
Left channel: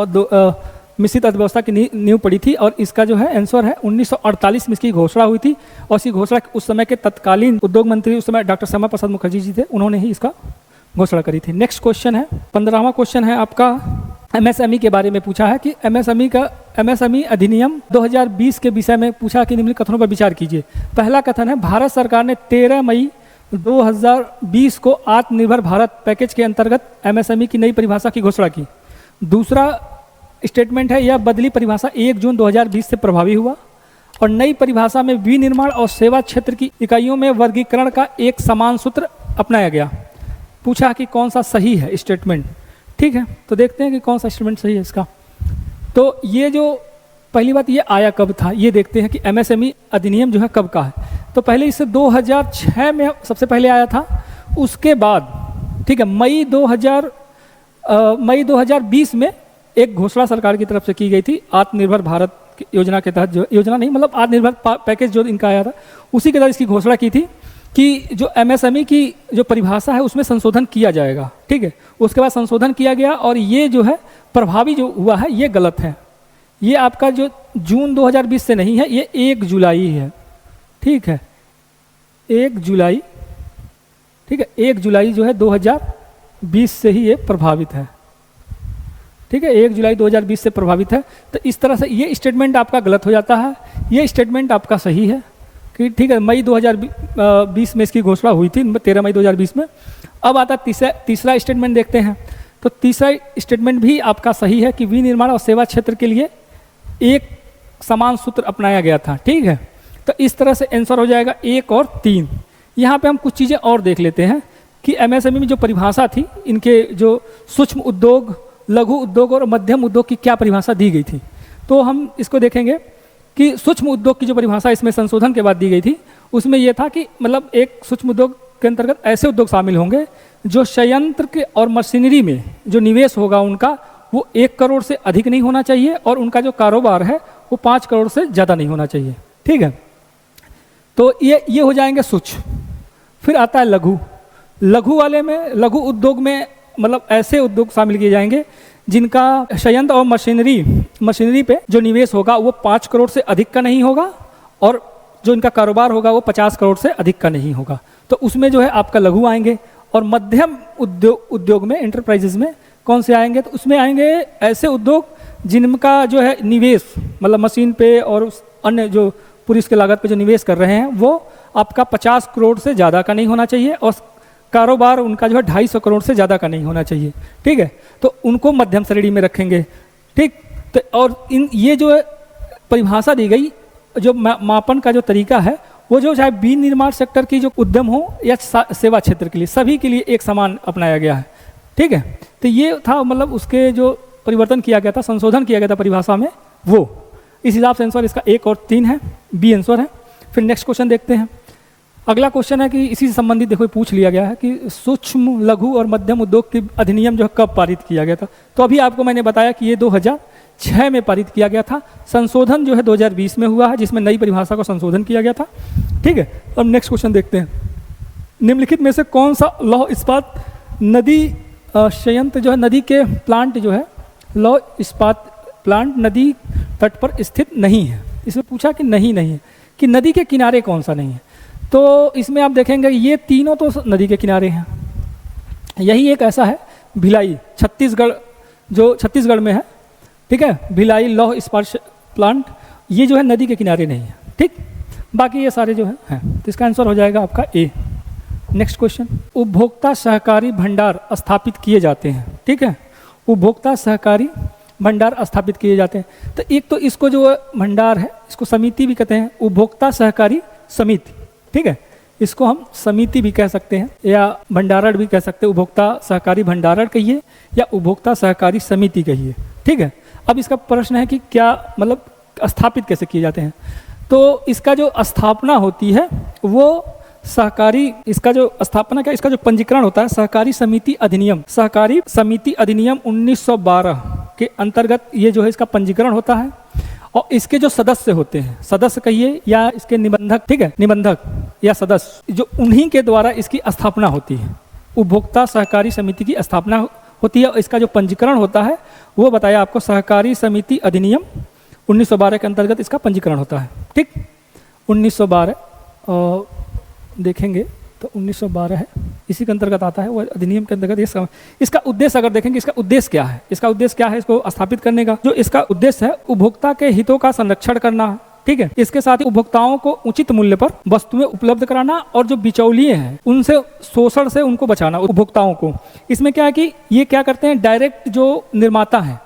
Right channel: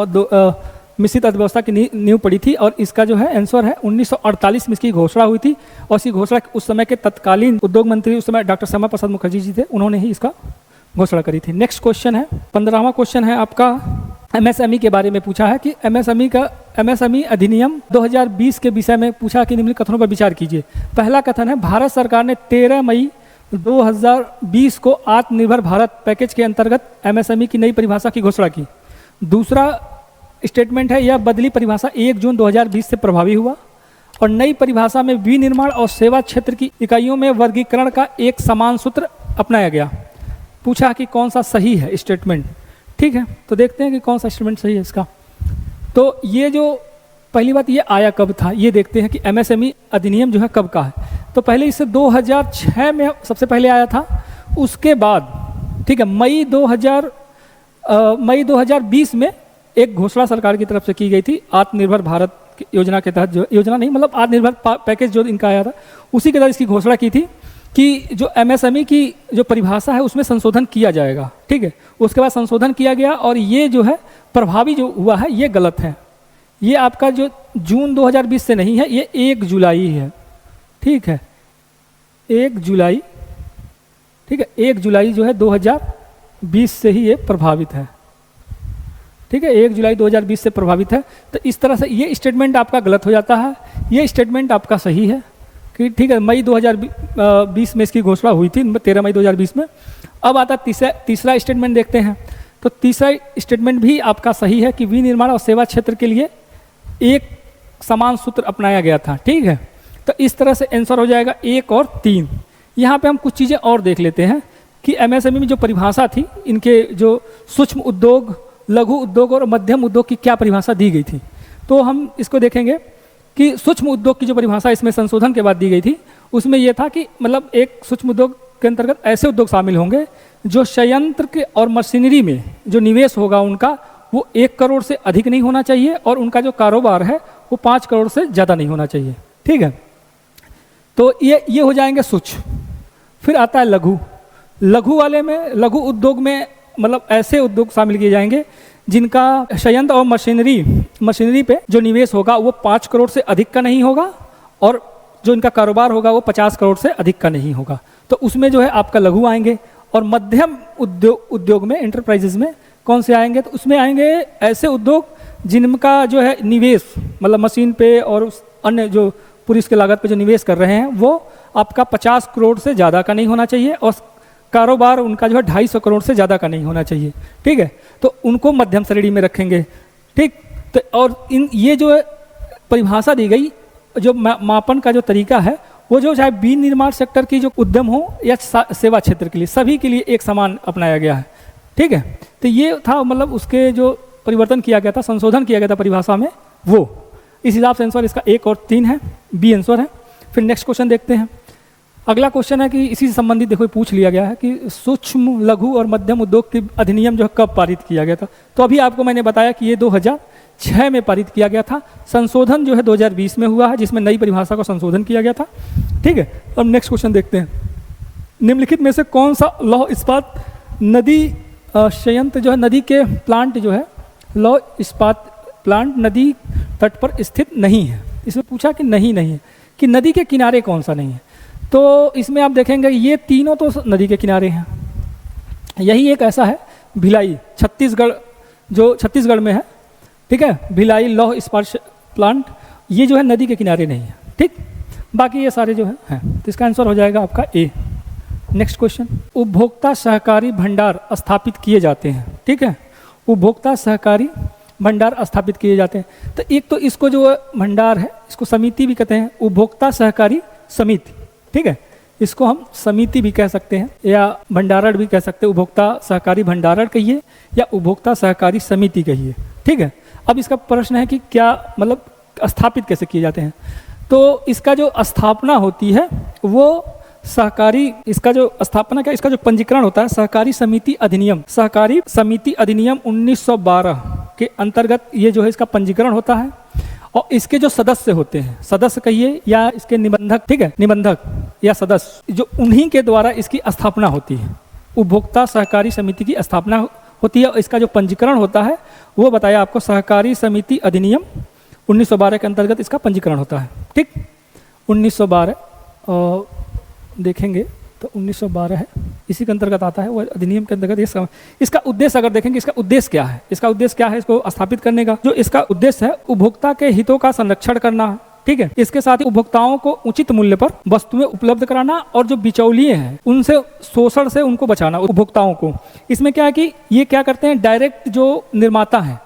मिश्रित अर्थव्यवस्था की नींव पड़ी थी। और इसका जो है आंसर है 1948 में इसकी घोषणा हुई थी। और इसकी घोषणा उस समय के तत्कालीन उद्योग मंत्री उस समय डॉक्टर श्यामा प्रसाद मुखर्जी जी थे, उन्होंने ही इसका घोषणा करी थी। नेक्स्ट क्वेश्चन है, 15वां क्वेश्चन है आपका एमएसएमई के बारे में पूछा है कि एमएसएमई अधिनियम 2020 के विषय में पूछा कि निम्न कथनों पर विचार कीजिए। पहला कथन है, भारत सरकार ने 13 मई 2020 को आत्मनिर्भर भारत पैकेज के अंतर्गत एमएसएमई की नई परिभाषा की घोषणा की। दूसरा स्टेटमेंट है, यह बदली परिभाषा 1 जून 2020 से प्रभावी हुआ और नई परिभाषा में विनिर्माण और सेवा क्षेत्र की इकाइयों में वर्गीकरण का एक समान सूत्र अपनाया गया। पूछा कि कौन सा सही है स्टेटमेंट, ठीक है। तो देखते हैं कि कौन सा स्टेटमेंट सही है इसका। तो ये जो पहली बात, ये आया कब था, ये देखते हैं कि एमएसएमई अधिनियम जो है कब का है। तो पहले इसे 2006 में सबसे पहले आया था, उसके बाद, ठीक है, मई 2020 में एक घोषणा सरकार की तरफ से की गई थी आत्मनिर्भर भारत की योजना के तहत, जो योजना नहीं मतलब आत्मनिर्भर पैकेज जो इनका आया था, उसी के तहत इसकी घोषणा की थी कि जो एमएसएमई की जो परिभाषा है उसमें संशोधन किया जाएगा, ठीक है। उसके बाद संशोधन किया गया और ये जो है प्रभावी जो हुआ है ये गलत है। ये आपका जो जून 2020 से नहीं है, ये 1 जुलाई है, ठीक है, 1 जुलाई, ठीक है, 1 जुलाई जो है 2020 से ही ये प्रभावित है, ठीक है, 1 जुलाई 2020 से प्रभावित है। तो इस तरह से ये स्टेटमेंट आपका गलत हो जाता है, ये स्टेटमेंट आपका सही है, ठीक है। मई 2020 में इसकी घोषणा हुई थी, 13 मई 2020 में। अब आता तीसरा स्टेटमेंट देखते हैं। तो तीसरा स्टेटमेंट भी आपका सही है कि विनिर्माण और सेवा क्षेत्र के लिए एक समान सूत्र अपनाया गया था, ठीक है। तो इस तरह से आंसर हो जाएगा 1 और 3। यहाँ पे हम कुछ चीज़ें और देख लेते हैं कि एमएसएमई में जो परिभाषा थी, इनके जो सूक्ष्म उद्योग, लघु उद्योग और मध्यम उद्योग की क्या परिभाषा दी गई थी। तो हम इसको देखेंगे कि सूक्ष्म उद्योग की जो परिभाषा इसमें संशोधन के बाद दी गई थी, उसमें यह था कि मतलब एक सूक्ष्म उद्योग के अंतर्गत ऐसे उद्योग शामिल होंगे जो संयंत्र के और मशीनरी में जो निवेश होगा उनका वो 1 करोड़ से अधिक नहीं होना चाहिए और उनका जो कारोबार है वो 5 करोड़ से ज़्यादा नहीं होना चाहिए, ठीक है। तो ये हो जाएंगे सूक्ष्म। फिर आता है लघु वाले में, लघु उद्योग में मतलब ऐसे उद्योग शामिल किए जाएंगे जिनका संयंत्र और मशीनरी पे जो निवेश होगा वो 5 करोड़ से अधिक का नहीं होगा और जो इनका कारोबार होगा वो 50 करोड़ से अधिक का नहीं होगा। तो उसमें जो है आपका लघु आएंगे। और मध्यम उद्योग में, एंटरप्राइजेस में कौन से आएंगे? तो उसमें आएंगे ऐसे उद्योग जिनका जो है निवेश मतलब मशीन पे और अन्य जो पूरी इसके लागत पे जो निवेश कर रहे हैं वो आपका 50 करोड़ से ज़्यादा का नहीं होना चाहिए और कारोबार उनका जो है 250 करोड़ से ज़्यादा का नहीं होना चाहिए, ठीक है। तो उनको मध्यम श्रेणी में रखेंगे, ठीक। तो और ये जो परिभाषा दी गई, जो मापन का जो तरीका है वो जो चाहे विनिर्माण सेक्टर की जो उद्यम हो या सेवा क्षेत्र के लिए, सभी के लिए एक समान अपनाया गया है। ठीक है। तो ये था मतलब उसके जो परिवर्तन किया गया था, संशोधन किया गया था परिभाषा में, वो इस हिसाब से आंसर इसका 1 और 3 है, बी आंसर है। फिर नेक्स्ट क्वेश्चन देखते हैं। अगला क्वेश्चन है कि इसी से संबंधित देखो पूछ लिया गया है कि सूक्ष्म लघु और मध्यम उद्योग की अधिनियम जो कब पारित किया गया था। तो अभी आपको मैंने बताया कि ये 2006 में पारित किया गया था। संशोधन जो है 2020 में हुआ है, जिसमें नई परिभाषा को संशोधन किया गया था। ठीक है, अब नेक्स्ट क्वेश्चन देखते हैं। निम्नलिखित में से कौन सा लौह इस्पात नदी संयंत्र जो है, नदी के प्लांट जो है, लौह इस्पात प्लांट नदी तट पर स्थित नहीं है। इसे पूछा कि नहीं है कि नदी के किनारे कौन सा नहीं है। तो इसमें आप देखेंगे ये तीनों तो नदी के किनारे हैं। यही एक ऐसा है भिलाई, छत्तीसगढ़, जो छत्तीसगढ़ में है। ठीक है, भिलाई लौह इस्पात प्लांट, ये जो है नदी के किनारे नहीं है। ठीक, बाकी ये सारे जो है तो इसका आंसर हो जाएगा आपका ए। नेक्स्ट क्वेश्चन, उपभोक्ता सहकारी भंडार स्थापित किए जाते हैं। ठीक है, उपभोक्ता सहकारी भंडार स्थापित किए जाते हैं। तो एक तो इसको जो भंडार है इसको समिति भी कहते हैं, उपभोक्ता सहकारी समिति। ठीक है, इसको हम समिति भी कह सकते हैं या भंडारण भी कह सकते हैं। उपभोक्ता सहकारी भंडारण कहिए या उपभोक्ता सहकारी समिति कहिए। ठीक है, अब इसका प्रश्न है कि क्या मतलब स्थापित कैसे किए जाते हैं। तो इसका जो स्थापना होती है वो सहकारी, इसका जो स्थापना क्या, इसका जो पंजीकरण होता है सहकारी समिति अधिनियम, सहकारी समिति अधिनियम 1912 के अंतर्गत ये जो है इसका पंजीकरण होता है। और इसके जो सदस्य होते हैं, सदस्य कहिए या इसके निबंधक, ठीक है, निबंधक या सदस्य, जो उन्हीं के द्वारा इसकी स्थापना होती है। उपभोक्ता सहकारी समिति की स्थापना होती है और इसका जो पंजीकरण होता है वो बताया आपको सहकारी समिति अधिनियम 1912 के अंतर्गत इसका पंजीकरण होता है। ठीक, 1912 देखेंगे तो 1912 है, इसी के अंतर्गत आता है वो अधिनियम के अंतर्गत। ये इसका उद्देश्य अगर देखेंगे, इसका उद्देश्य क्या है, इसका उद्देश्य क्या है इसको स्थापित करने का, जो इसका उद्देश्य है उपभोक्ता के हितों का संरक्षण करना है। ठीक है, इसके साथ ही उपभोक्ताओं को उचित मूल्य पर वस्तुएं उपलब्ध कराना और जो बिचौलिए हैं उनसे शोषण से उनको बचाना उपभोक्ताओं को। इसमें क्या है कि ये क्या करते हैं, डायरेक्ट जो निर्माता है,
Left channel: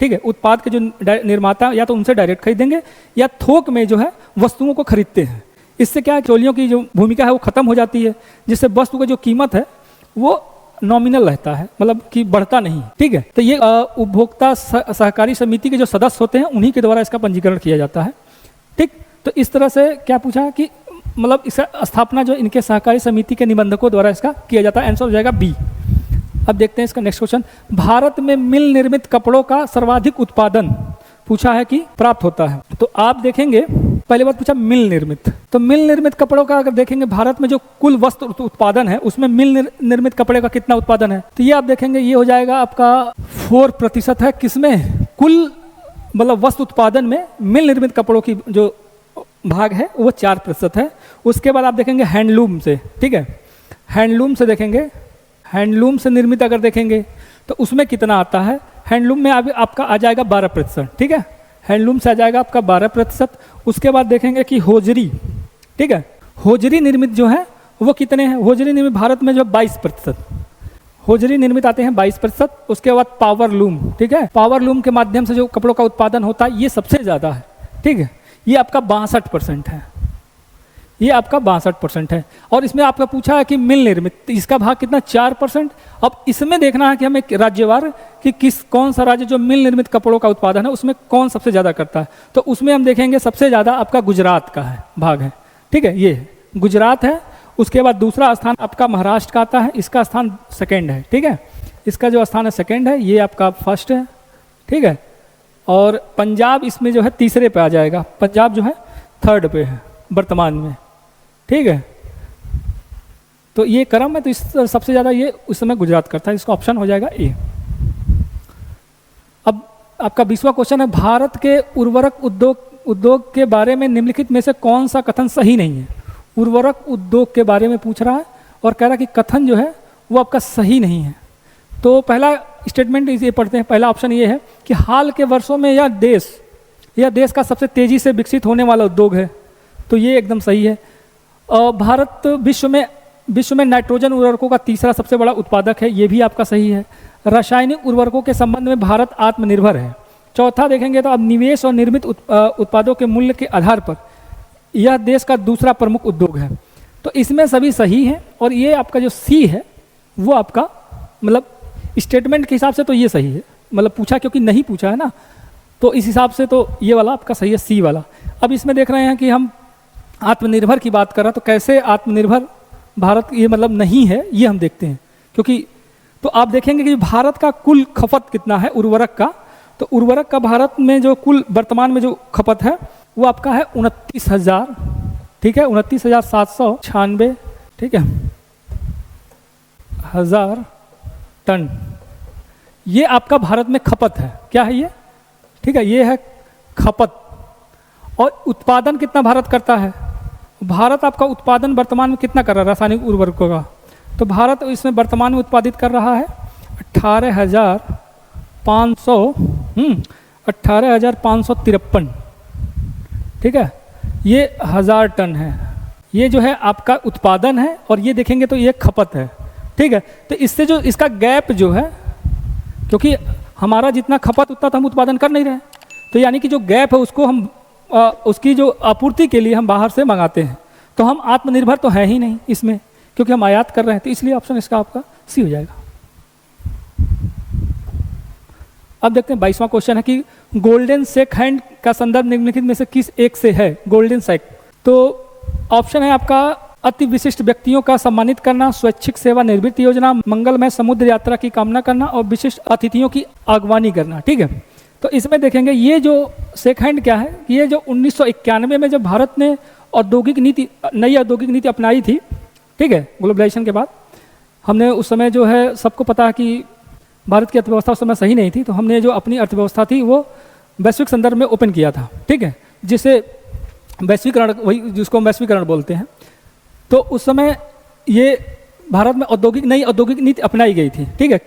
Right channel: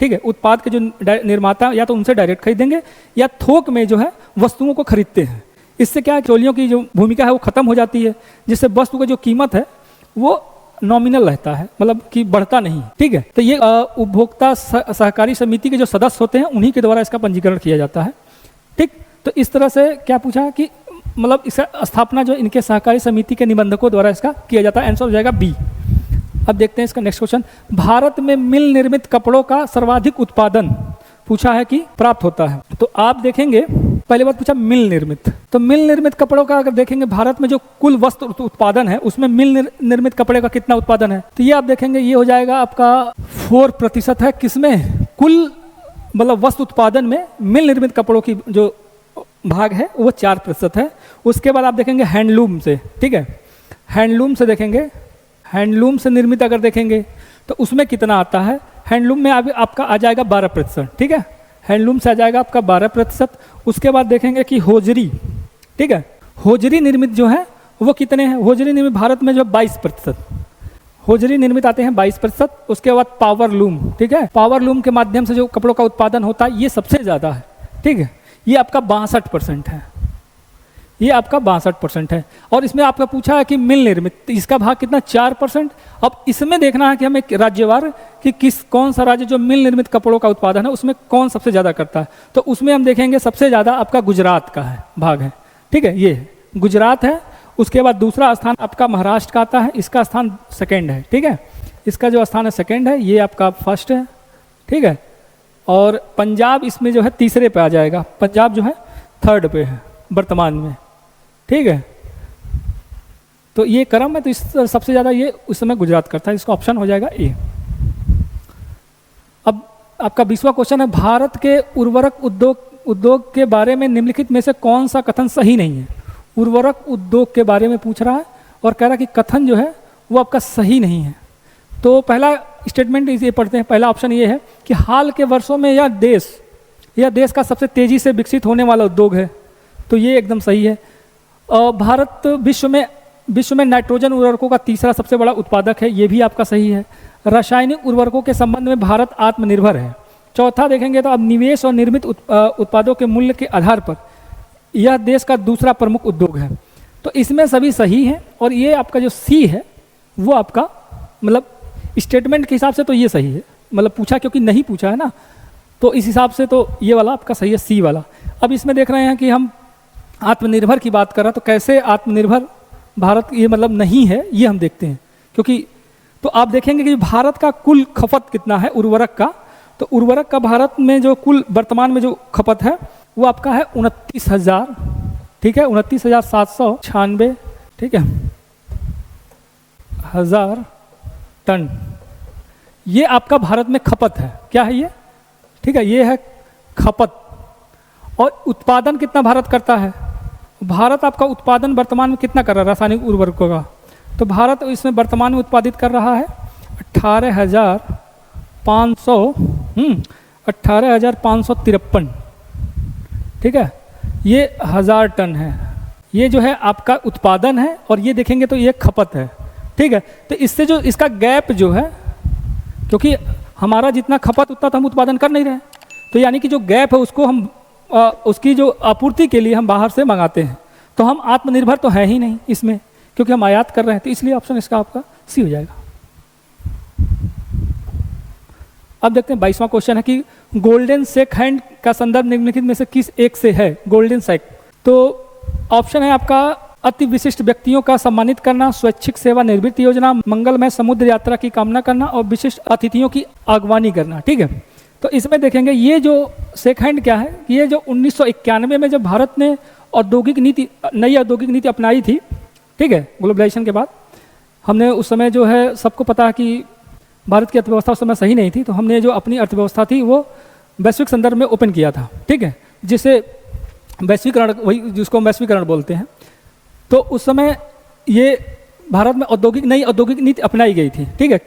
ठीक है, उत्पाद के जो निर्माता या तो उनसे डायरेक्ट खरीदेंगे या थोक में जो है वस्तुओं को खरीदते हैं। इससे क्या है, बिचौलियों की जो भूमिका है वो खत्म हो जाती है, जिससे वस्तु का जो कीमत है वो नॉमिनल रहता है, मतलब कि बढ़ता नहीं। ठीक है, तो ये उपभोक्ता सहकारी समिति के जो सदस्य होते हैं उन्हीं के द्वारा इसका पंजीकरण किया जाता है। ठीक, तो इस तरह से क्या पूछे हैं कि मतलब इसे स्थापना जो इनके सहकारी समिति के निबंधकों द्वारा इसका किया जाता है। आंसर हो जाएगा बी। अब देखते हैं इसका नेक्स्ट क्वेश्चन। भारत में मिल निर्मित कपड़ों का सर्वाधिक उत्पादन पूछा है कि प्राप्त होता है। तो आप देखेंगे पहले बात पूछा मिल निर्मित, तो मिल निर्मित कपड़ों का अगर देखेंगे भारत में जो कुल वस्त्र उत्पादन है उसमें मिल निर्मित कपड़े का कितना उत्पादन है, तो ये आप देखेंगे ये हो जाएगा आपका 4% है। किसमें, कुल मतलब वस्त्र उत्पादन में मिल निर्मित कपड़ों की जो भाग है वो 4% है। उसके बाद आप देखेंगे हैंडलूम से, ठीक है, हैंडलूम से देखेंगे, हैंडलूम से निर्मित अगर देखेंगे तो उसमें कितना आता है, हैंडलूम में आपका आ जाएगा 12%। ठीक है, हैंडलूम से आ जाएगा आपका 12%। उसके बाद देखेंगे कि होजरी, ठीक है, होजरी निर्मित जो है वो कितने हैं, होजरी निर्मित भारत में जो 22%, होजरी निर्मित आते हैं 22%। उसके बाद पावर लूम, ठीक है, पावर लूम के माध्यम से जो कपड़ों का उत्पादन होता है ये सबसे ज़्यादा है। ठीक है, ये आपका 62% है, ये आपका 62% है। और इसमें आपका पूछा है कि मिल निर्मित, तो इसका भाग कितना, 4%। अब इसमें देखना है कि हमें राज्यवार कि कौन सा राज्य जो मिल निर्मित कपड़ों का उत्पादन है उसमें कौन सबसे ज्यादा करता है। तो उसमें हम देखेंगे सबसे ज्यादा आपका गुजरात का है, भाग है। ठीक है, ये गुजरात है। उसके बाद दूसरा स्थान आपका महाराष्ट्र का आता है, इसका स्थान सेकेंड है। ठीक है, इसका जो स्थान है सेकेंड है, ये आपका फर्स्ट है। ठीक है, और पंजाब इसमें जो है तीसरे पे आ जाएगा, पंजाब जो है थर्ड पे है वर्तमान में। ठीक है, तो ये क्रम है, तो इस सबसे ज्यादा ये उस समय गुजरात करता है, इसका ऑप्शन हो जाएगा ए। अब आपका 20वां क्वेश्चन है, भारत के उर्वरक उद्योग के बारे में निम्नलिखित में से कौन सा कथन सही नहीं है। उर्वरक उद्योग के बारे में पूछ रहा है और कह रहा है कि कथन जो है वो आपका सही नहीं है। तो पहला स्टेटमेंट इसे पढ़ते हैं। पहला ऑप्शन ये है कि हाल के वर्षों में यह देश का सबसे तेजी से विकसित होने वाला उद्योग है, तो ये एकदम सही है। भारत विश्व में नाइट्रोजन उर्वरकों का तीसरा सबसे बड़ा उत्पादक है, ये भी आपका सही है। रासायनिक उर्वरकों के संबंध में भारत आत्मनिर्भर है। चौथा देखेंगे तो अब निवेश और निर्मित उत्पादों के मूल्य के आधार पर यह देश का दूसरा प्रमुख उद्योग है। तो इसमें सभी सही है। और ये आपका जो सी है वो आपका मतलब स्टेटमेंट के हिसाब से तो ये सही है, मतलब पूछा क्योंकि नहीं पूछा है ना, तो इस हिसाब से तो ये वाला आपका सही है, सी वाला। अब इसमें देख रहे हैं कि हम आत्मनिर्भर की बात कर रहा, तो कैसे आत्मनिर्भर भारत ये मतलब नहीं है, ये हम देखते हैं। क्योंकि तो आप देखेंगे कि भारत का कुल खपत कितना है उर्वरक का, तो उर्वरक का भारत में जो कुल वर्तमान में जो खपत है वो आपका है 29,000, ठीक है, 29,796, ठीक है, हजार टन, ये आपका भारत में खपत है। क्या है ये? ठीक है, ये है खपत। और उत्पादन कितना भारत करता है? भारत आपका उत्पादन वर्तमान में कितना कर रहा है रासायनिक उर्वरकों का? तो भारत इसमें वर्तमान में उत्पादित कर रहा है 18,553, ठीक है, ये 1000 टन है। ये जो है आपका उत्पादन है और ये देखेंगे तो ये खपत है, ठीक है। तो इससे जो इसका गैप जो है, क्योंकि हमारा जितना खपत उतना तो हम उत्पादन कर नहीं रहे, तो यानी कि जो गैप है उसको हम उसकी जो आपूर्ति के लिए हम बाहर से मंगाते हैं, तो हम आत्मनिर्भर तो है ही नहीं इसमें, क्योंकि हम आयात कर रहे हैं। तो इसलिए ऑप्शन इसका आपका सी हो जाएगा। अब देखते हैं 22वां क्वेश्चन है कि गोल्डन शेक हैंड का संदर्भ निम्नलिखित में से किस एक से है? गोल्डन शेक, तो ऑप्शन है आपका अति विशिष्ट व्यक्तियों का सम्मानित करना, स्वैच्छिक सेवा निवृत्ति योजना, मंगलमय समुद्र यात्रा की कामना करना और विशिष्ट अतिथियों की आगवानी करना, ठीक है। तो इसमें देखेंगे ये जो शेक हैंड क्या है, ये जो 1991 में जब भारत ने औद्योगिक नीति, नई औद्योगिक नीति अपनाई थी, ठीक है, ग्लोबलाइजेशन के बाद, हमने उस समय जो है सबको पता है कि भारत की अर्थव्यवस्था उस समय सही नहीं थी, तो हमने जो अपनी अर्थव्यवस्था थी वो वैश्विक संदर्भ में ओपन किया था, ठीक है, जिसे वैश्वीकरण, वही जिसको हम वैश्वीकरण बोलते हैं। तो उस समय ये भारत में नई औद्योगिक नीति अपनाई गई थी, ठीक है।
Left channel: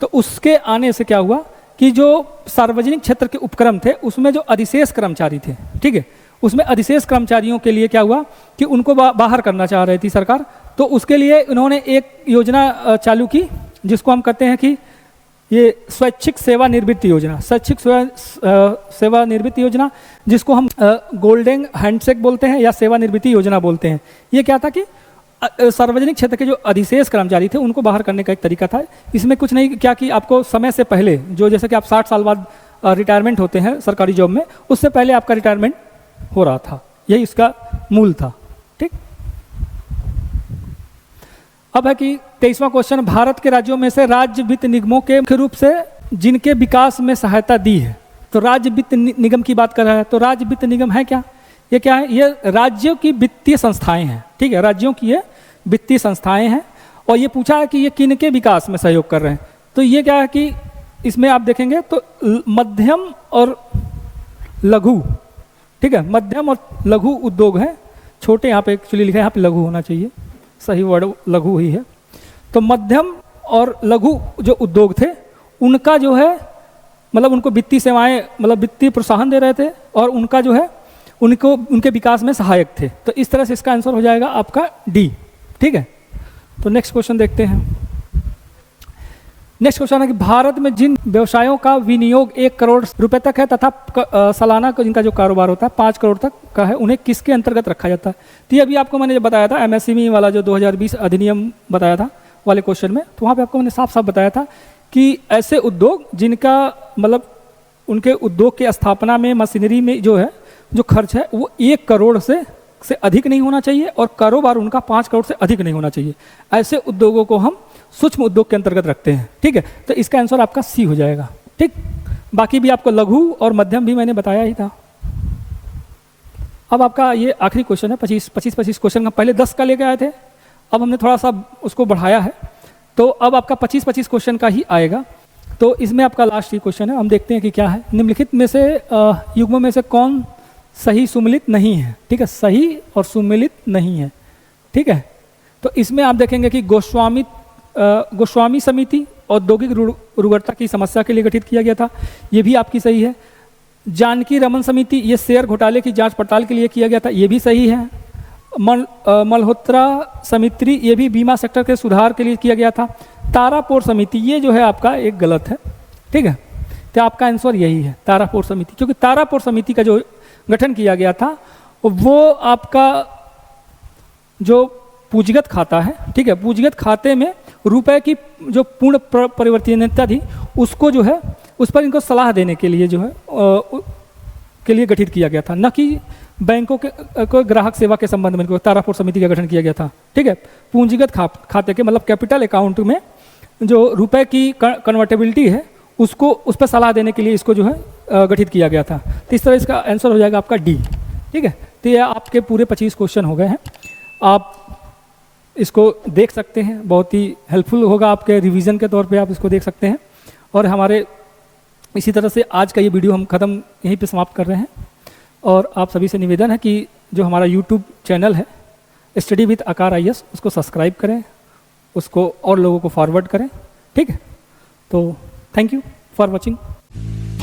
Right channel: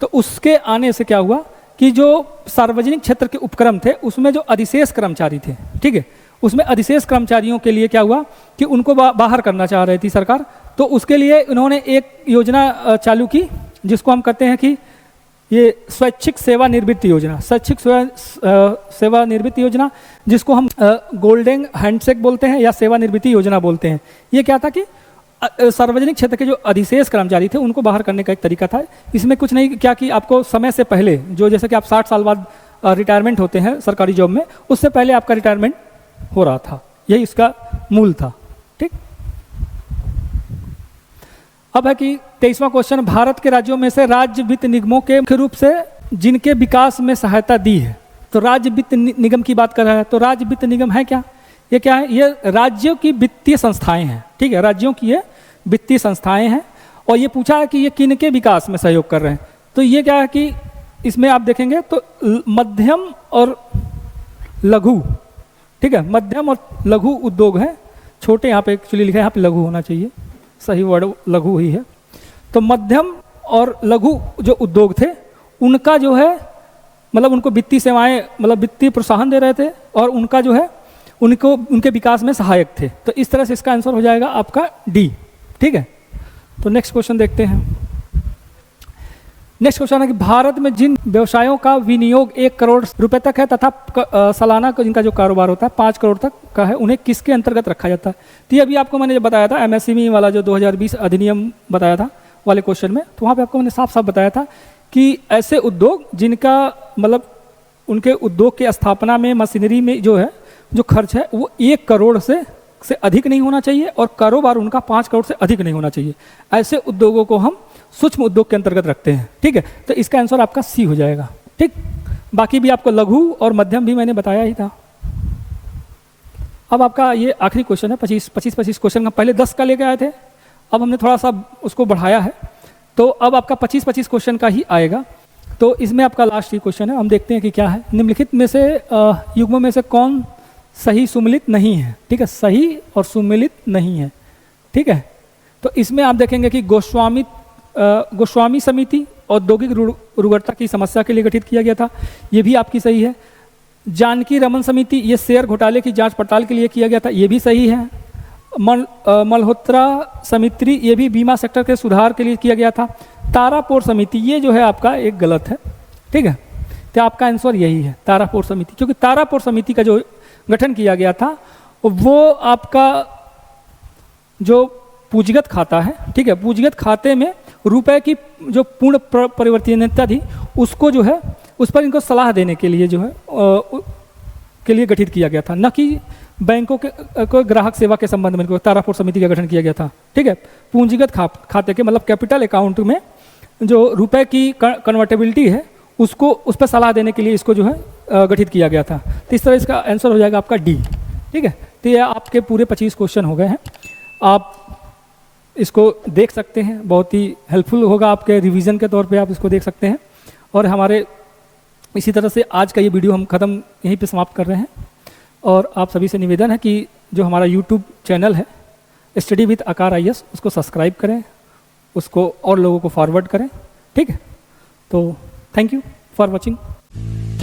तो उसके आने से क्या हुआ कि जो सार्वजनिक क्षेत्र के उपक्रम थे उसमें जो अधिशेष कर्मचारी थे, ठीक है, उसमें अधिशेष कर्मचारियों के लिए क्या हुआ कि उनको बाहर करना चाह रही थी सरकार। तो उसके लिए उन्होंने एक योजना चालू की जिसको हम कहते हैं कि ये स्वैच्छिक सेवा निवृत्ति योजना, स्वैच्छिक सेवा निवृत्ति योजना, जिसको हम गोल्डन हैंडशेक बोलते हैं या सेवा निवृत्ति योजना बोलते हैं। ये क्या था कि सार्वजनिक क्षेत्र के जो अधिशेष कर्मचारी थे उनको बाहर करने का एक तरीका था। इसमें कुछ नहीं क्या कि आपको समय से पहले, जो जैसे कि आप 60 साल बाद रिटायरमेंट होते हैं सरकारी जॉब में, उससे पहले आपका रिटायरमेंट हो रहा था, यही इसका मूल था, ठीक। अब है कि 23वां क्वेश्चन, भारत के राज्यों में से राज्य वित्त निगमों के मुख्य रूप से जिनके विकास में सहायता दी है, तो राज्य वित्त निगम की बात कर रहा है। तो राज्य वित्त निगम है क्या? ये क्या है? ये राज्यों की वित्तीय संस्थाएं हैं, ठीक है, राज्यों की ये वित्तीय संस्थाएं हैं। और ये पूछा है कि ये किनके विकास में सहयोग कर रहे हैं, तो ये क्या है कि इसमें आप देखेंगे तो मध्यम और लघु, ठीक है, मध्यम और लघु उद्योग है, छोटे यहाँ पे एक्चुअली लिखा है, यहाँ पे लघु होना चाहिए, सही वर्ड लघु ही है। तो मध्यम और लघु जो उद्योग थे उनका जो है मतलब उनको वित्तीय सेवाएं, मतलब वित्तीय प्रोत्साहन दे रहे थे और उनका जो है उनको उनके विकास में सहायक थे। तो इस तरह से इसका आंसर हो जाएगा आपका डी, ठीक है। तो नेक्स्ट क्वेश्चन देखते हैं। नेक्स्ट क्वेश्चन है कि भारत में जिन व्यवसायों का विनियोग 1 करोड़ रुपए तक है तथा सालाना जिनका जो कारोबार होता है 5 करोड़ तक का है, उन्हें किसके अंतर्गत रखा जाता है? तो ये अभी आपको मैंने बताया था एमएसएमई वाला जो 2020 अधिनियम बताया था वाले क्वेश्चन में, तो वहाँ पे आपको मैंने साफ साफ बताया था कि ऐसे उद्योग जिनका मतलब उनके उद्योग की स्थापना में मशीनरी में जो है जो खर्च है वो 1 करोड़ से अधिक नहीं होना चाहिए और कारोबार उनका 5 करोड़ से अधिक नहीं होना चाहिए। ऐसे उद्योगों को हम सूक्ष्म उद्योग के अंतर्गत रखते हैं, ठीक है। तो इसका आंसर आपका सी हो जाएगा, ठीक। बाकी भी आपको लघु और मध्यम भी मैंने बताया ही था। अब आपका ये आखिरी क्वेश्चन है, 25 क्वेश्चन का, पहले 10 का लेके आए थे, अब हमने थोड़ा सा उसको बढ़ाया है, तो अब आपका 25 क्वेश्चन का ही आएगा। तो इसमें आपका लास्ट ही क्वेश्चन है, हम देखते हैं कि क्या है। निम्नलिखित में से युग्मों में से कौन सही सुमेलित नहीं है, ठीक है, सही और सुमेलित नहीं है, ठीक है। तो इसमें आप देखेंगे कि गोस्वामी समिति औद्योगिक उर्वरता की समस्या के लिए गठित किया गया था, ये भी आपकी सही है। जानकी रमन समिति ये शेयर घोटाले की जांच पड़ताल के लिए किया गया था, ये भी सही है। मल्होत्रा समिति ये भी बीमा सेक्टर के सुधार के लिए किया गया था। तारापुर समिति ये जो है आपका एक गलत है, ठीक है। तो आपका आंसर यही है तारापुर समिति, क्योंकि तारापुर समिति का जो गठन किया गया था वो आपका जो पूंजीगत खाता है, ठीक है, पूंजीगत खाते में रुपए की जो पूर्ण परिवर्तनीयता थी उसको जो है उस पर इनको सलाह देने के लिए जो है के लिए गठित किया गया था, न कि बैंकों के कोई ग्राहक सेवा के संबंध में कोई तारापुर समिति का गठन किया गया था, ठीक है। पूंजीगत खाते के मतलब कैपिटल अकाउंट में जो रुपए की कन्वर्टेबिलिटी है उसको उस पर सलाह देने के लिए इसको जो है गठित किया गया था। तो इस तरह इसका आंसर हो जाएगा आपका डी, ठीक है। तो ये आपके पूरे 25 क्वेश्चन हो गए हैं, आप इसको देख सकते हैं, बहुत ही हेल्पफुल होगा आपके रिवीजन के तौर पे, आप इसको देख सकते हैं। और हमारे इसी तरह से आज का ये वीडियो हम ख़त्म यहीं पे समाप्त कर रहे हैं। और आप सभी से निवेदन है कि जो हमारा यूट्यूब चैनल है स्टडी विद आकार IAS उसको सब्सक्राइब करें, उसको और लोगों को फॉरवर्ड करें, ठीक है। तो थैंक यू फॉर वॉचिंग।